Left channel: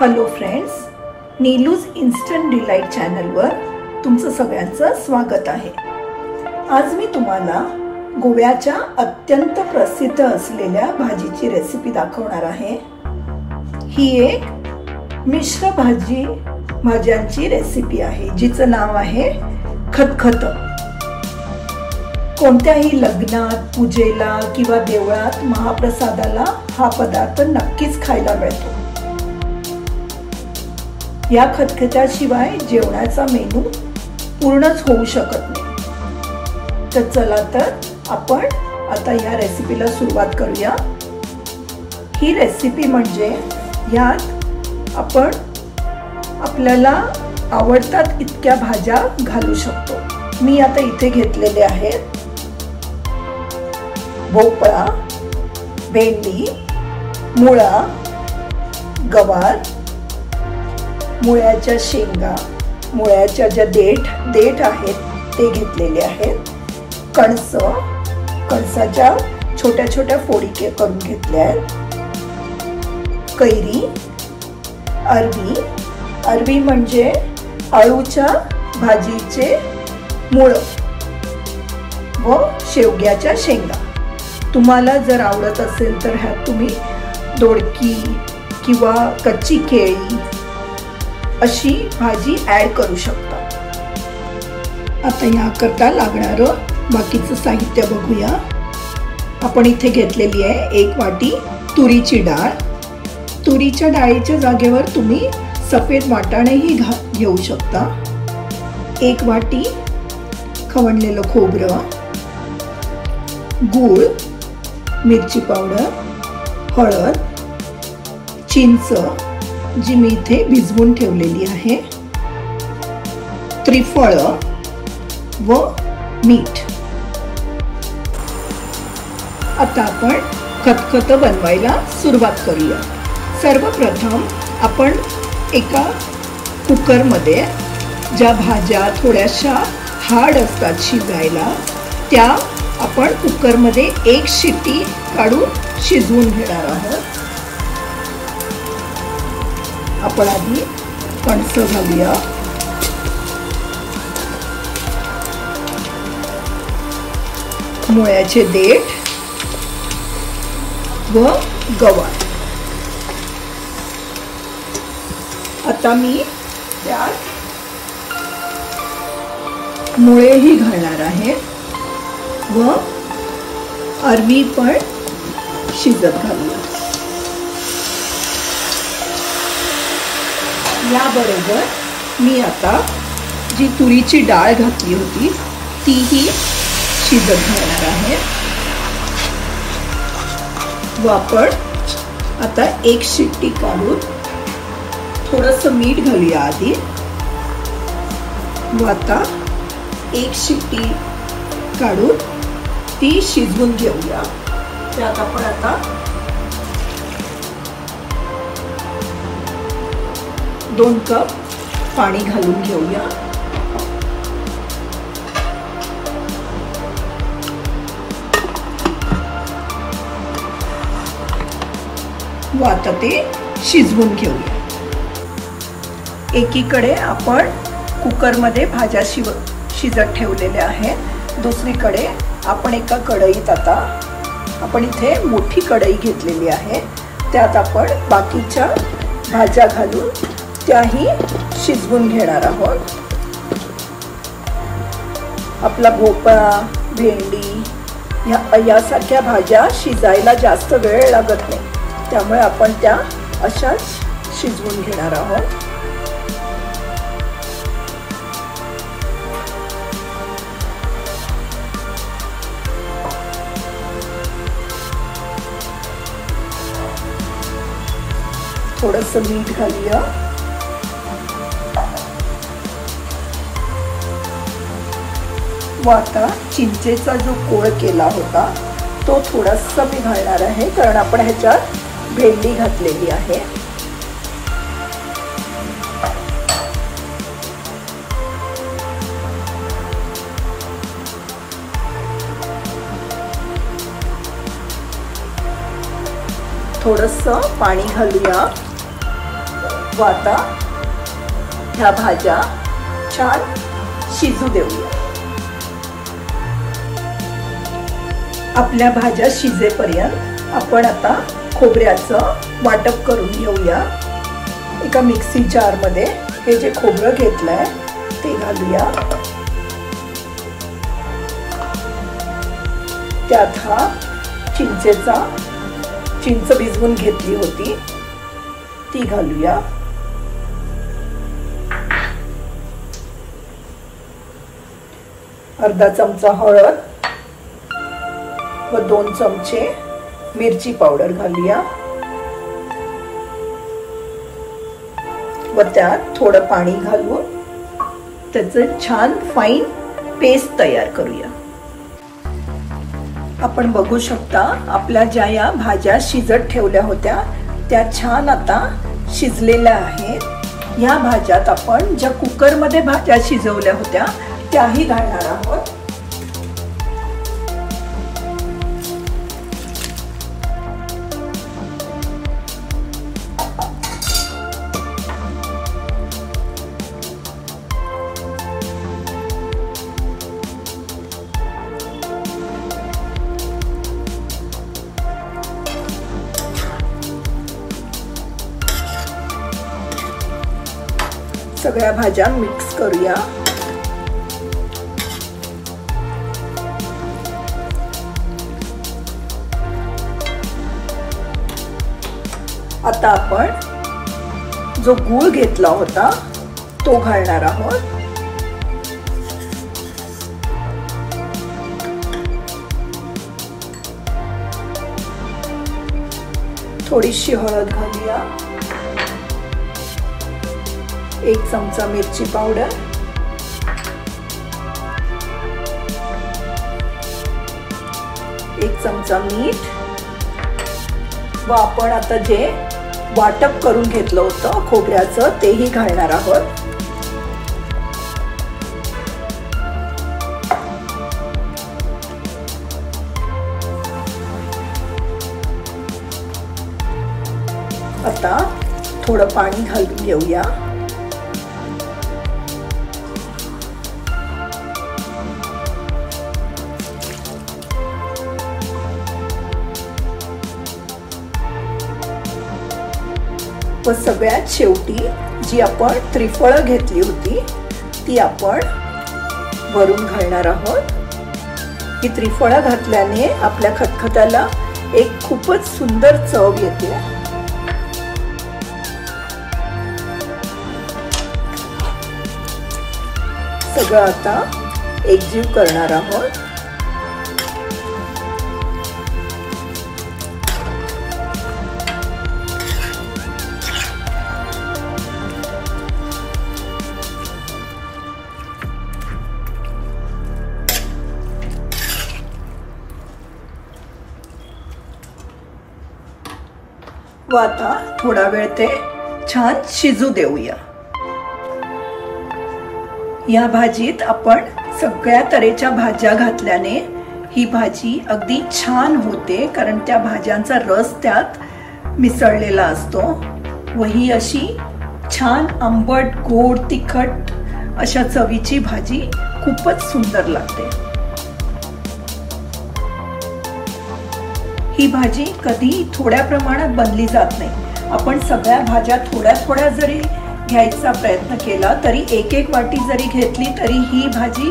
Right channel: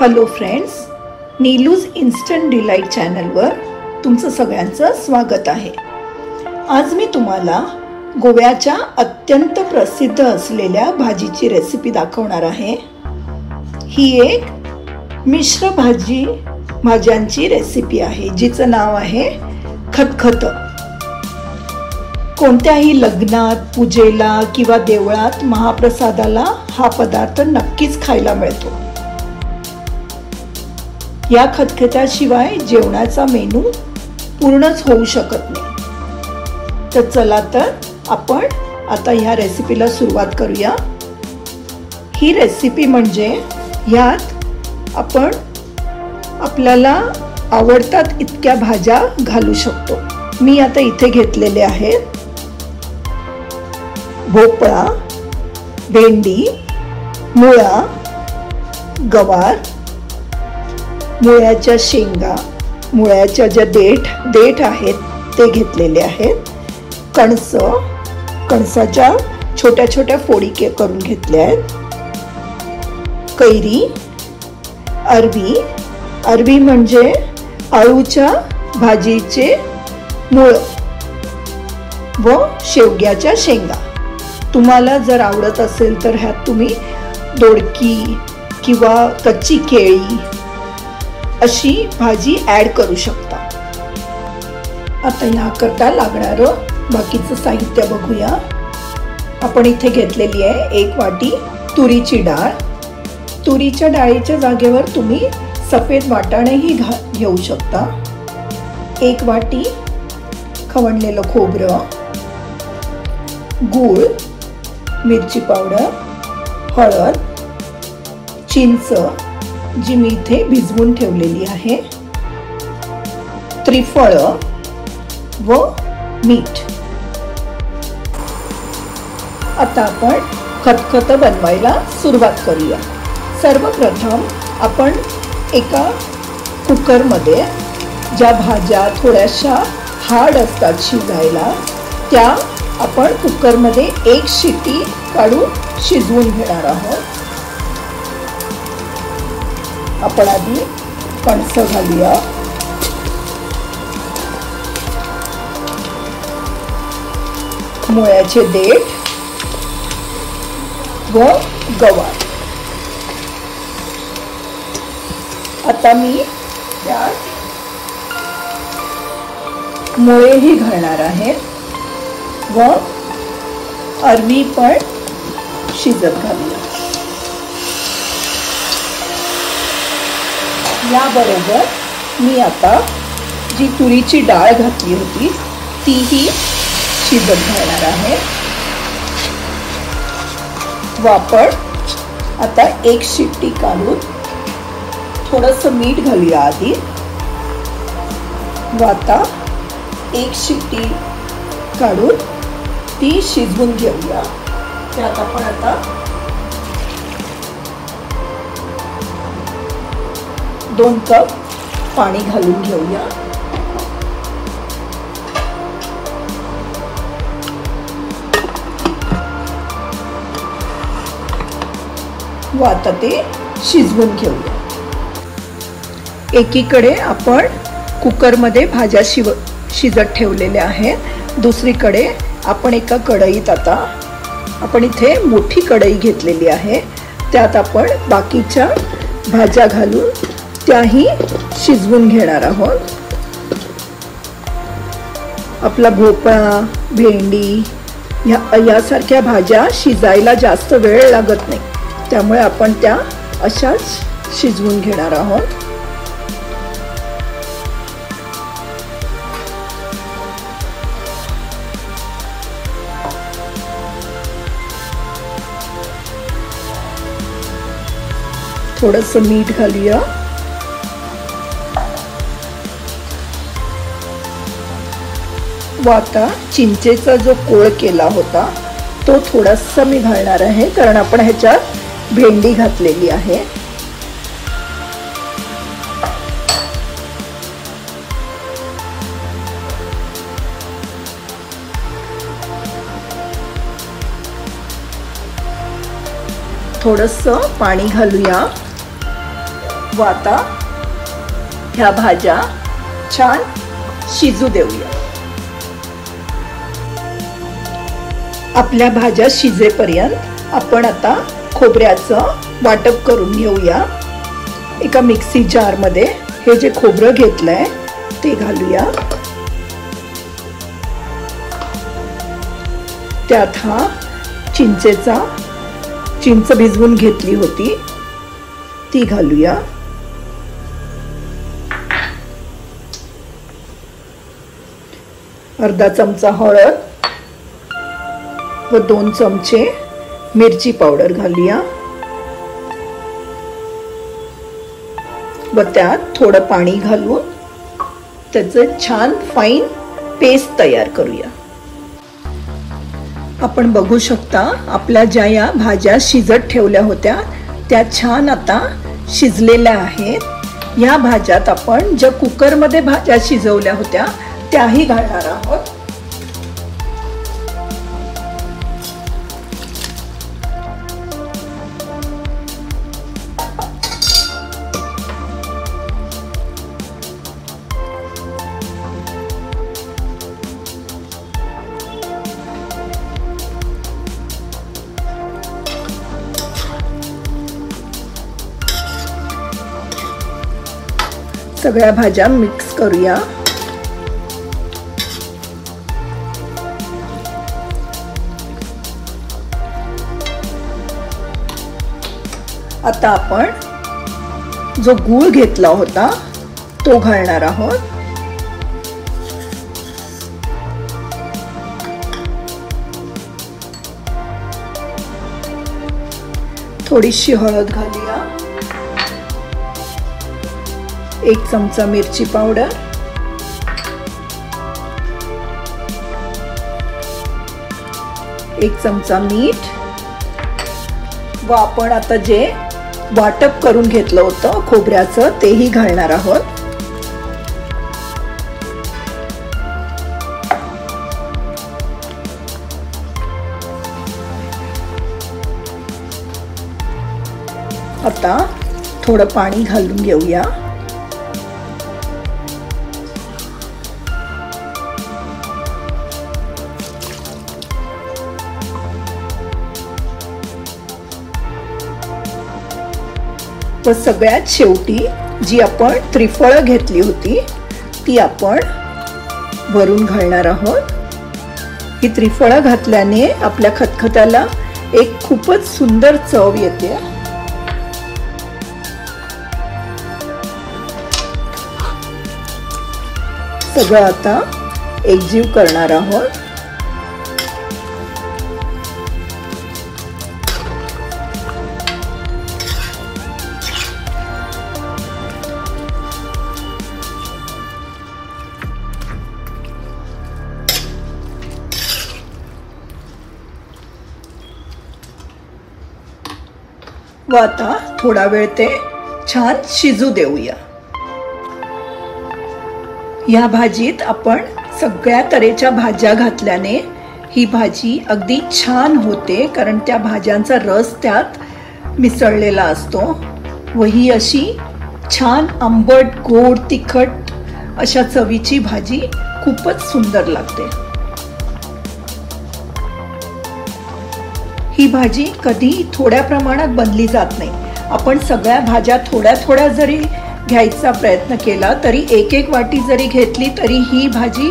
Hello friends, नीलूज instant delight चॅनलवर तुमचं सगळ्यांचं स्वागत आहे। आज मी तुम्हाला गोव्याच्या अत्यंत प्रसिद्ध असलेल्या भाजीची रेसिपी दाखवणार आहे। ही एक मिश्र भाज्यांची रेसिपी आहे जिचं नाव आहे खतखत। कोणत्याही लग्नात, पूजेला किंवा देवळात महाप्रसादाला हा पदार्थ नक्कीच खायला मिळतो। या खतखत्याशिवाय जेवणाचा मेनू पूर्णच होऊ शकत नाही। तर चला तर आपण आता ह्या रेसिपीला सुरुवात करूया। ही रेसिपी म्हणजे यात आपण आपल्याला आवडतात इतक्या भाज्या घालू शकतो। मी आता इथे घेतलेले आहेत भोपळा, भेंडी, मुळा, गवार, मुळ्याच्या शेंगा, मुळ्याच्या ज्या देठ आहेत ते घेतलेले आहेत, कणसाच्या छोट्या छोट्या फोडी करून घेतल्या आहेत, कैरी, अरवी म्हणजे आळूच्या भाजीचे मूळ व शेवग्याच्या शेंगा। तुम्हाला जर आवडत असेल तर ह्यात तुम्ही दोडकी किंवा कच्ची केळी अशी भाजी ऍड करू शकता। आता याकरता लागणारं बाकीचं साहित्य बघूया। आपण इथे घेतलेली आहे 1 वाटी तुरीची डाळ। तुरीच्या डाळीच्या जागेवर तुम्ही सफेद वाटाणेही घेऊ शकता। 1 वाटी खवणलेलं खोबरं, गूळ, मिरची पावडर, हळद, चिंच जी मी इथे भिजवून ठेवलेली आहे, त्रिफळ व मीठ। आता आपण खतखत बनवायला सुरुवात करूया। सर्वप्रथम आपण एका कुकरमध्ये ज्या भाज्या थोड्याशा हार्ड असतात शिजायला त्या आपण कुकरमध्ये 1 शिट्टी काढून शिजवून घेणार आहोत। आपण आधी कणस घालूया, मुळ्याचे देठ व गवार। आता मी त्यात मुळेही घालणार आहे व अरवी पण शिजत घालूया। याबरोबर मी आता जी तुरीची डाळ घातली होती तीही शिजत घालणार आहे व आपण आता 1 शिट्टी काढून थोडंसं मीठ घालूया आधी व आता 1 शिट्टी काढून ती शिजवून घेऊया। त्यात आपण आता 2 कप पाणी घालून घेऊया। व आता ते शिजवून घेऊया। एकीकडे आपण कुकरमध्ये भाज्या शिजत ठेवलेल्या आहेत, दुसरीकडे आपण एका कढईत आता आपण इथे मोठी कढई घेतलेली आहे, त्यात आपण बाकीच्या भाज्या घालून त्याही शिजवून घेणार आहोत। आपला भोपळा, भेंडी यासारख्या भाज्या शिजायला जास्त वेळ लागत नाही, त्यामुळे आपण त्या अशाच शिजवून घेणार आहोत। थोडंसं मीठ घालूया व आता चिंचेचा जो कोळ केला होता तो थोडासा मी घालणार आहे, कारण आपण ह्याच्यात भेंडी घातलेली आहे। थोडंसं पाणी घालूया व आता ह्या भाज्या छान शिजू देऊया. आपल्या भाज्या शिजेपर्यंत आपण आता खोबऱ्याचं वाटप करून घेऊया. एका मिक्सी जार मध्ये हे जे खोबरं घेतलंय ते घालूया. त्यात हा चिंच भिजवून घेतली होती ती घालूया. अर्धा चमचा हळद व 2 चमचे मिरची पावडर घालूया व त्यात थोडं पाणी घालून त्याचं छान फाईन पेस्ट तयार करूया. आपण बघू शकता आपल्या ज्या या भाज्या शिजत ठेवल्या होत्या त्या छान आता शिजलेल्या आहेत. ह्या भाज्यात आपण ज्या कुकरमध्ये भाज्या शिजवल्या होत्या त्याही घालणार आहोत. सगळ्या भाज्या मिक्स करूया. आता आपण जो गूळ घेतला होता तो घालणार आहोत. थोडीशी हळद घालूया. 1 चमचा मिरची पावडर, 1 चमचा मीठ व आपण आता जे वाटप करून घेतलं होतं खोबऱ्याचं तेही घालणार आहोत. आता थोडं पाणी घालून घेऊया. व सगळ्यात शेवटी जी आपण त्रिफळं घेतली होती ती आपण वरून घालणार आहोत. ही त्रिफळं घातल्याने आपल्या खतखत्याला एक खूपच सुंदर चव येते. सगळं आता एकजीव करणार आहोत. व आता थोडा वेळ ते छान शिजू देऊया. या भाजीत आपण सगळ्या तऱ्हेच्या भाज्या घातल्याने ही भाजी अगदी छान होते, कारण त्या भाज्यांचा रस त्यात मिसळलेला असतो व ही अशी छान आंबट, गोड, तिखट अशा चवीची भाजी खूपच सुंदर लागते. ही भाजी कधी थोड्या प्रमाणात बनली जात नाही. आपण सगळ्या भाज्या थोड्या थोड्या जरी घ्यायचा प्रयत्न केला तरी एक वाटी जरी घेतली तरी ही भाजी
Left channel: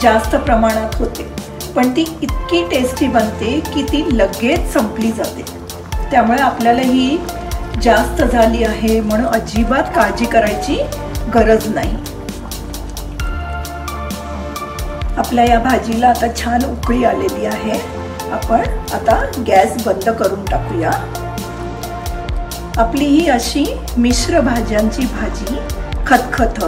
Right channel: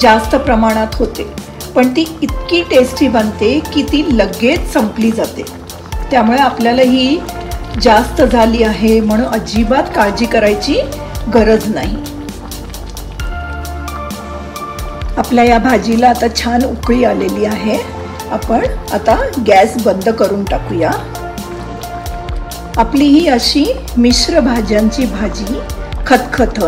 जास्त प्रमाणात होते, पण ती इतकी टेस्टी बनते की ती लगेच संपली जाते. त्यामुळे आपल्याला ही जास्त झाली आहे म्हणून अजिबात काळजी करायची गरज नाही. आपल्या या भाजीला आता छान उकळी आलेली आहे. आपण आता गॅस बंद करून टाकूया. आपली ही अशी मिश्र भाज्यांची भाजी खतखत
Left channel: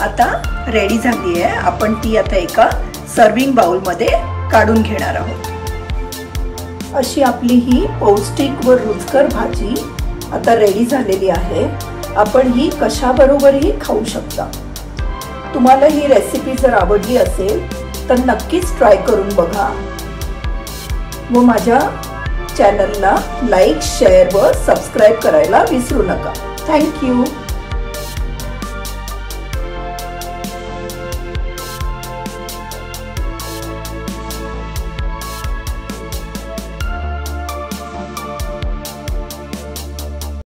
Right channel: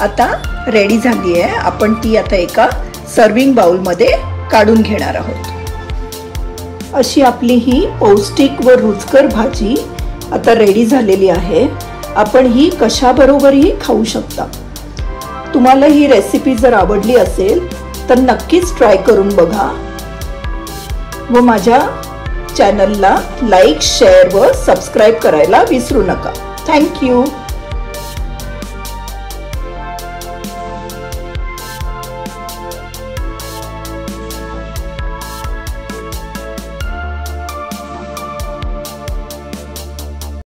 आता रेडी झाली आहे. आपण ती आता एका सर्विंग बाउल मध्ये काढून घेणार आहोत. अशी आपली ही पौष्टिक व रुचकर भाजी आता रेडी झालेली आहे. आपण ही कशाबरोबरही खाऊ शकता. तुम्हाला ही रेसिपी जर आवडली असेल तर नक्कीच ट्राय करून बघा व माझ्या चॅनलला लाईक, शेअर व सबस्क्राईब करायला विसरू नका. थँक्यू.